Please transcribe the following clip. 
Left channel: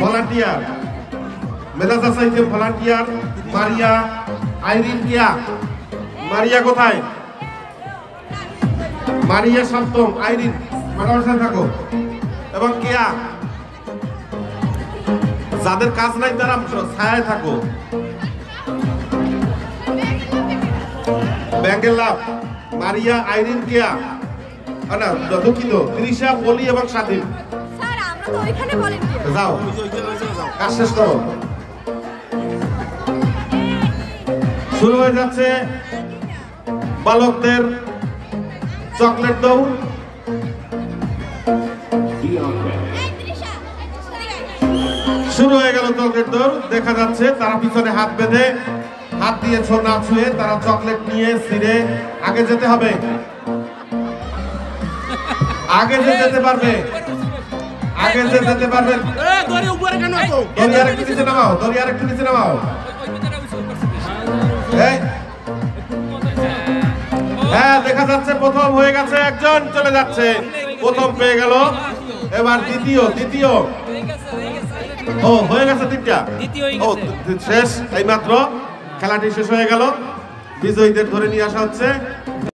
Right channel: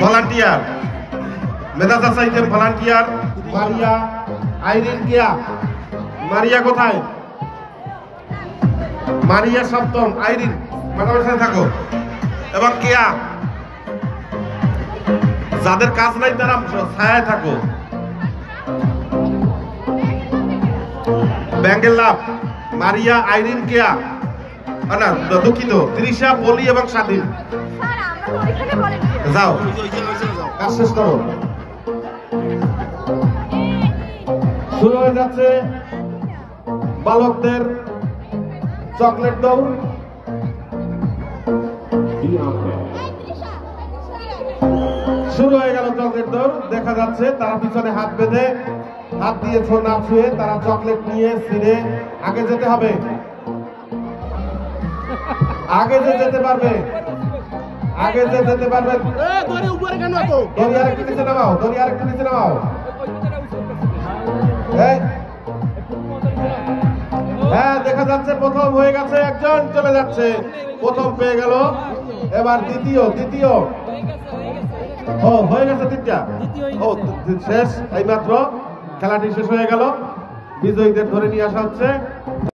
Volunteer মেধাসা cycle volunteer Maria Irene কিয়া। Maria কোথায়? মারিয়া সপ্তম, আইরিন ম্যাডামের সাথে থাকো। এবং কেয়া, যাদের কাজ নাই তারা ছায়ায় থাকো। ব্যাঙ্গের লাভ মারিয়া আইরিন কেয়া, না দুঃখিত, তৃষা পলি এবং স্বাধীন। যাও কাজ শেষ করো। শুরু হয়ে যাচ্ছে বালকদের চকলেট দৌড়। শুরু হয়ে গেল চকলেট দৌড়। দেখা যাচ্ছে তারা পিছনে হাত বেঁধে, হাত দিয়ে না ছুঁয়ে তারা চকলেট নিয়ে ছিঁড়ে আগে যেতে হবে। আগে যে যেতে পারবে, আগে যে যেতে পারবে। দড়ি আরেকটু নিচে নামাও, দড়ি আরেকটু নিচে নামাও। হ্যাঁ, দেখা যাচ্ছে প্রথম হয়ে গেছে, একজন চলে যাচ্ছে, প্রথম পেয়ে গেল। এবার দ্বিতীয়, দ্বিতীয় ও হয়ে গেছে, তিনটা ও শেষ। এইমাত্র খেলাটি শেষ হয়ে গেল। বিজয়ীদের ধরে নিয়ে আসা হচ্ছে।